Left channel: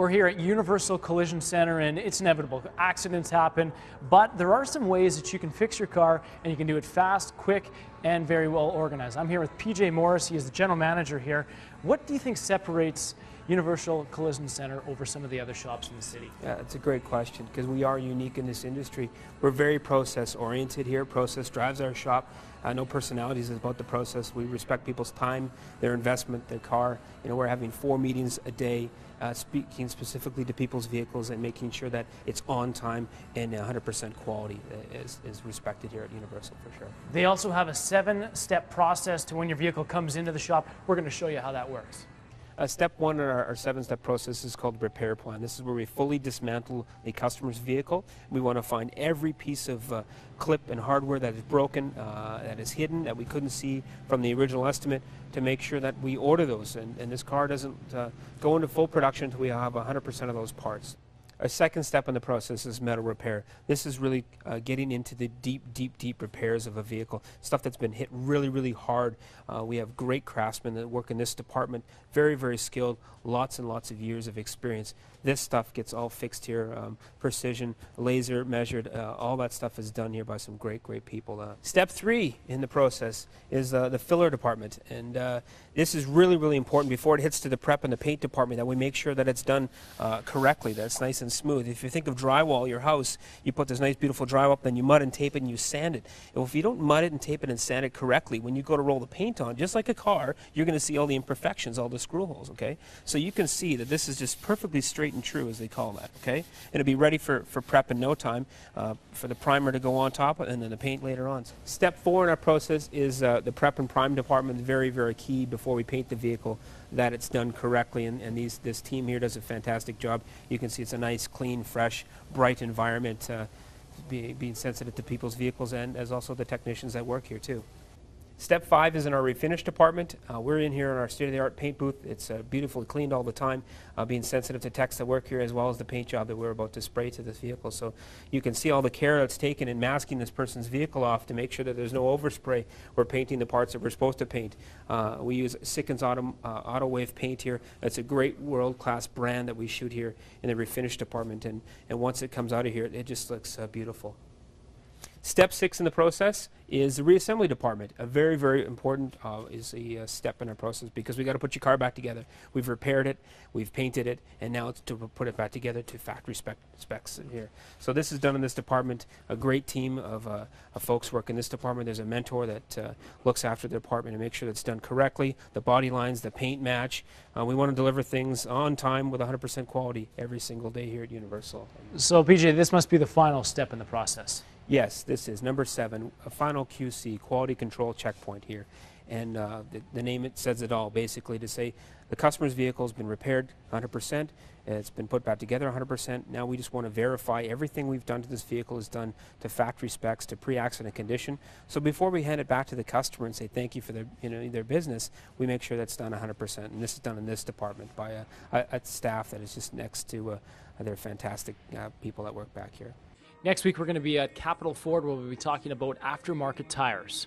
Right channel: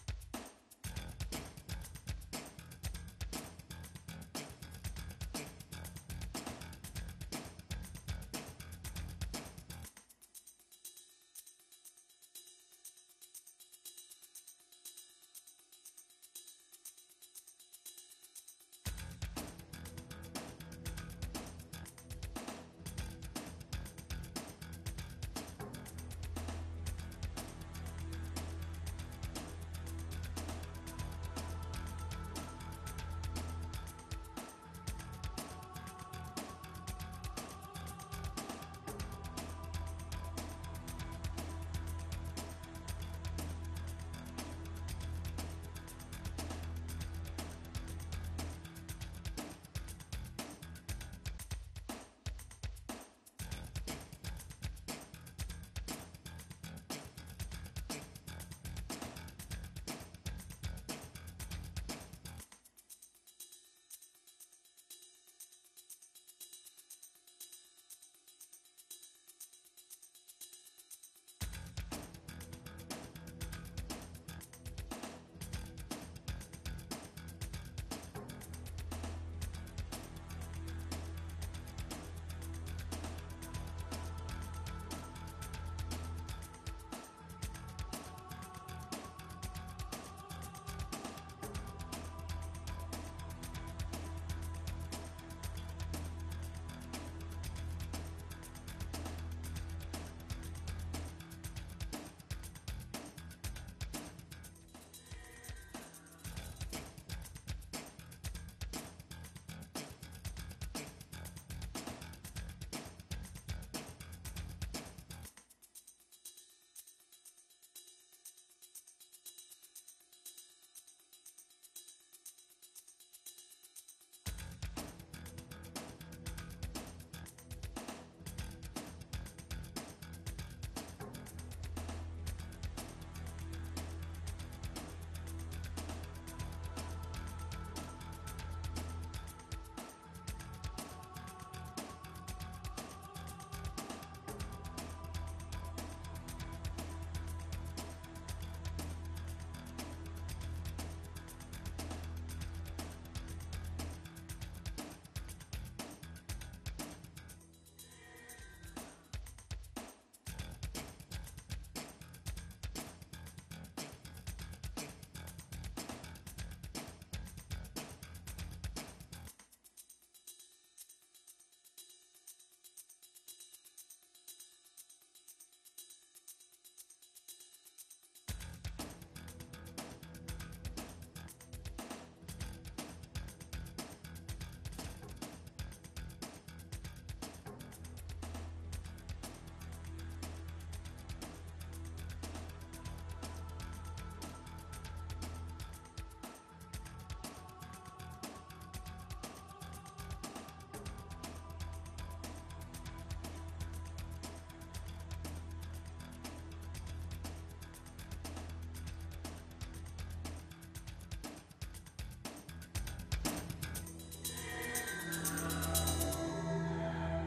We're here at Universal Collision Center, and it's inevitable. Accidents happen, but there are some ways that you can fix your car, and you can do it fast, quick, and very well organized. I'm here with PJ Morris. He is the general manager here. What do you think separates Universal Collision Center over some of the other shops in the city? Yeah, it's a great question because we are unique in this industry. We're very process oriented here. Process drives our shop. No personalities is about the process. We respect people's time, their investment, their car. You know, we're having 4 meetings a day, speaking specifically to people's vehicles and making sure that it's on time and 100% quality is respected here at Universal for sure. They also have a 7-step process to when your vehicle comes into the shop. We're going to show you how that works. Step 1 in our 7-step process is called repair plan. This is where we fully dismantle a customer's vehicle. We want to find every piece of clip and hardware that is broken, that is hidden, that we couldn't see from the original estimate, to make sure that we order those. And this car doesn't go into full production until we have 100% of those parts. Our second step in the process is metal repair. This is really getting into the deep repairs of a vehicle, stuff that's been hit really hard. We have great craftsmen that work in this department, very skilled, lots and lots of years of experience. This stuff gets all fixed here, precision, laser measured, all that stuff is done here by some great people. Step 3 in the process is the filler department, and this is really important before it hits to the prep and the paint department, that we make sure that it's done correctly, that it's nice and smooth. If you think of drywall, your house, you put this nice beautiful drywall up, then you mud and tape it and you sand it. And if you don't mud it and tape it and sand it correctly, when you go to roll the paint on, just like a car, you're going to see all the imperfections, all the screw holes, okay? So you can see that this is just perfectly straight and true, as they call that, okay? It'll be ready for prep in no time, for the primer to go on top and then the paint later on. Step 4 in our process is the prep and prime department. Is very key before we paint the vehicle, that it's done correctly, and this team here does a fantastic job. You can see it's a nice, clean, fresh, bright environment, being sensitive to people's vehicles, and as also the technicians that work here too. Step 5 is in our refinish department. We're in here in our state-of-the-art paint booth. It's beautifully cleaned all the time, being sensitive to techs that work here, as well as the paint job that we're about to spray to this vehicle. So you can see all the care that's taken in masking this person's vehicle off to make sure that there's no overspray. We're painting the parts that we're supposed to paint. We use Sikkens Auto Wave paint here. It's a great world-class brand that we shoot here in the refinish department, and once it comes out of here, it just looks beautiful. Step 6 in the process is the reassembly department. A very important is a step in our process, because we got to put your car back together. We've repaired it, we've painted it, and now it's to put it back together to factory specs here. So this is done in this department. A great team of folks work in this department. There's a mentor that looks after the department and makes sure that's done correctly. The body lines, the paint match. We want to deliver things on time with 100% quality every single day here at Universal. So PJ, this must be the final step in the process. Yes, this is number 7, a final QC, quality control checkpoint here. And the name, it says it all, basically, to say the customer's vehicle has been repaired 100%, it's been put back together 100%. Now we just want to verify everything we've done to this vehicle is done to factory specs, to pre-accident condition. So before we hand it back to the customer and say thank you for their business, we make sure that's done 100%. And this is done in this department by a staff that is just next to their fantastic people that work back here. Next week we're going to be at Capital Ford, where we'll be talking about aftermarket tires.